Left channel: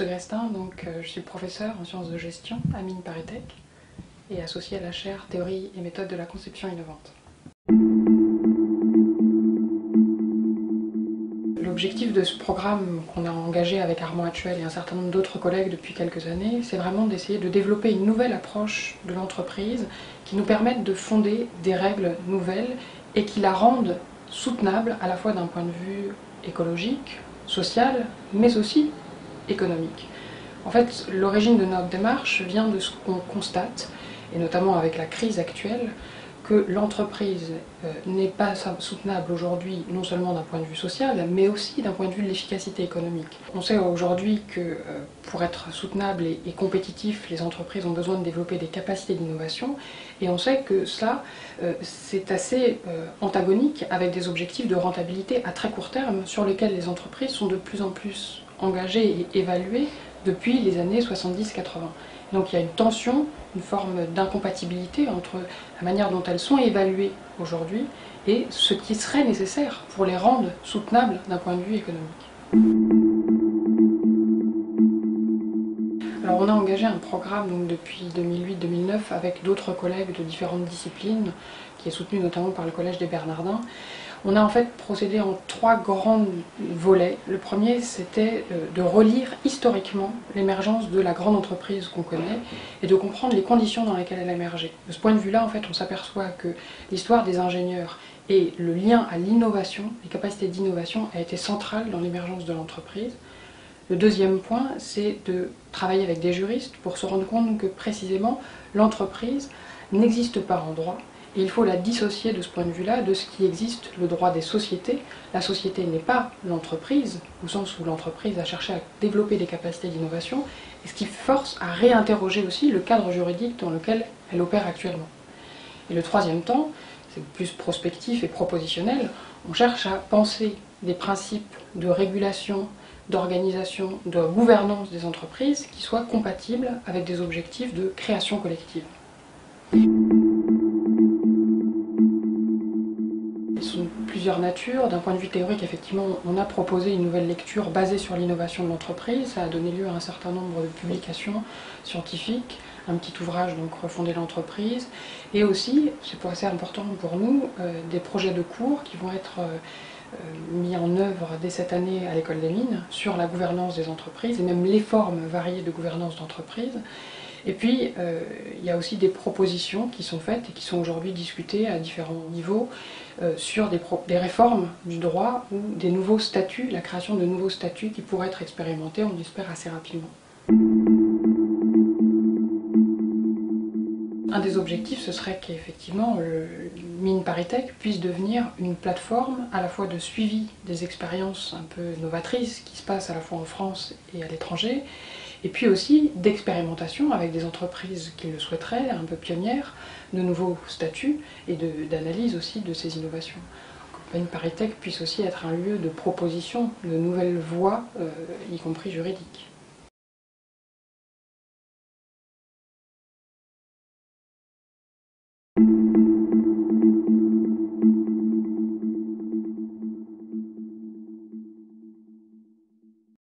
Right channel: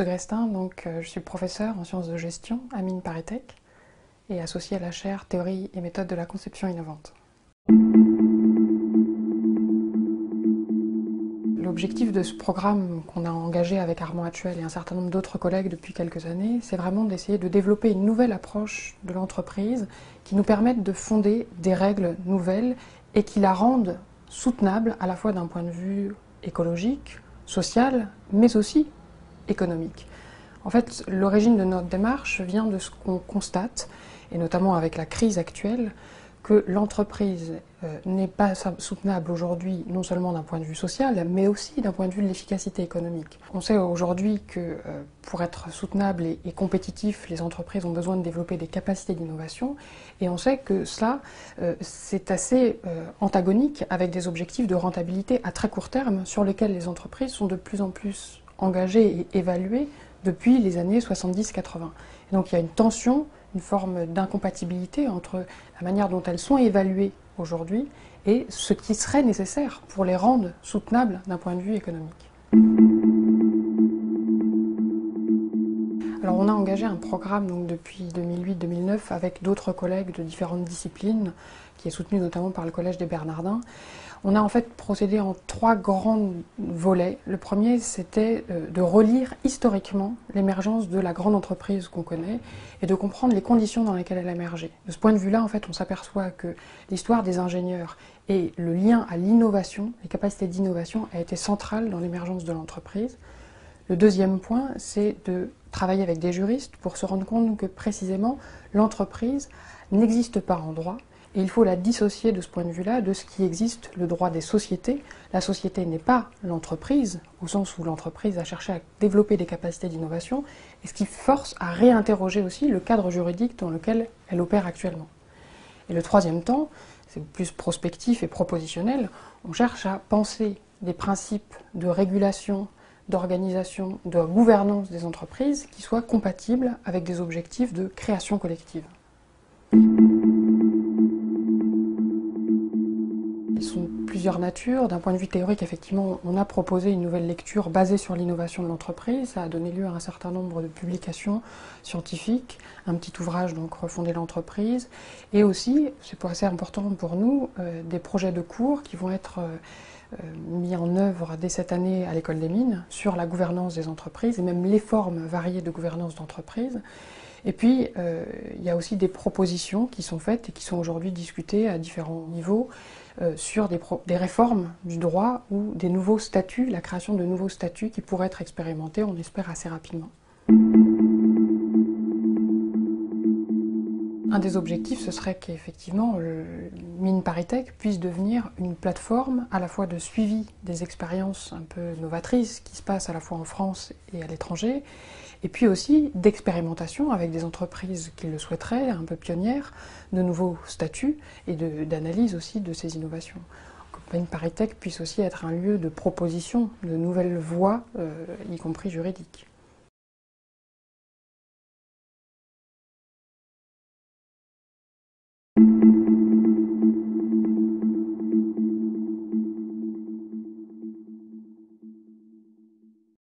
Segrestin, je suis professeur en sciences de gestion à Mines ParisTech et associé à la chaire Théorie et méthode de la conception innovante. L'objectif de ce programme qu'on a engagé avec Armand Hatchuel et un certain nombre d'autres collègues depuis quelques années, c'est vraiment d'essayer de développer une nouvelle approche de l'entreprise qui nous permette de fonder des règles nouvelles et qui la rendent soutenable à la fois d'un point de vue écologique, social, mais aussi économique. En fait, l'origine de notre démarche vient de ce qu'on constate, et notamment avec la crise actuelle, que l'entreprise n'est pas soutenable aujourd'hui, non seulement d'un point de vue social, mais aussi d'un point de vue de l'efficacité économique. On sait aujourd'hui que pour être soutenable et compétitif, les entreprises ont besoin de développer des capacités d'innovation, et on sait que cela, c'est assez antagonique avec des objectifs de rentabilité à très court terme, sur lesquels les entreprises sont de plus en plus engagées et évaluées depuis les années 70-80. Donc il y a une tension, une forme d'incompatibilité entre la manière dont elles sont évaluées aujourd'hui et ce qui serait nécessaire pour les rendre soutenables d'un point de vue économique. Alors on a engagé un programme depuis 2008-2009 avec d'autres collègues de différentes disciplines, qui est soutenu notamment par le Collège des Bernardins. On a en fait procédé en 3 grands volets. Le premier, c'était de relire historiquement l'émergence de la grande entreprise qu'on connaît et de comprendre les conditions dans lesquelles elle a émergé. De ce point de vue-là, en fait, on s'aperçoit que l'histoire des ingénieurs et le lien à l'innovation, les capacités d'innovation, a été centrale dans l'émergence de l'entreprise. Le deuxième point, c'est de travailler avec des juristes pour se rendre compte que précisément l'entreprise n'existe pas en droit. Et il faut la dissocier de ce point de vue-là de ce qui existe, le droit des sociétés. La société n'est pas l'entreprise, au sens où l'entreprise a cherché à développer des capacités d'innovation, et ce qui force à réinterroger aussi le cadre juridique dans lequel elle opère actuellement. Et le troisième temps, c'est plus prospectif et propositionnel, on cherche à penser des principes de régulation, d'organisation, de gouvernance des entreprises qui soient compatibles avec des objectifs de création collective. Ils sont de plusieurs natures. D'un point de vue théorique, effectivement, on a proposé une nouvelle lecture basée sur l'innovation de l'entreprise. Ça a donné lieu à un certain nombre de publications scientifiques, un petit ouvrage, donc Refonder l'entreprise, et aussi, c'est assez important pour nous, des projets de cours qui vont être mis en œuvre dès cette année à l'École des Mines sur la gouvernance des entreprises et même les formes variées de gouvernance d'entreprise. Et puis, il y a aussi des propositions qui sont faites et qui sont aujourd'hui discutées à différents niveaux sur des réformes du droit ou des nouveaux statuts, la création de nouveaux statuts qui pourraient être expérimentés, on espère, assez rapidement. Un des objectifs, ce serait qu'effectivement, Mines ParisTech puisse devenir une plateforme à la fois de suivi des expériences un peu novatrices qui se passent à la fois en France et à l'étranger, et puis aussi d'expérimentation avec des entreprises qui le souhaiteraient, un peu pionnières, de nouveaux statuts et d'analyse aussi de ces innovations. Que Mines ParisTech puisse aussi être un lieu de proposition de nouvelles voies, y compris juridiques.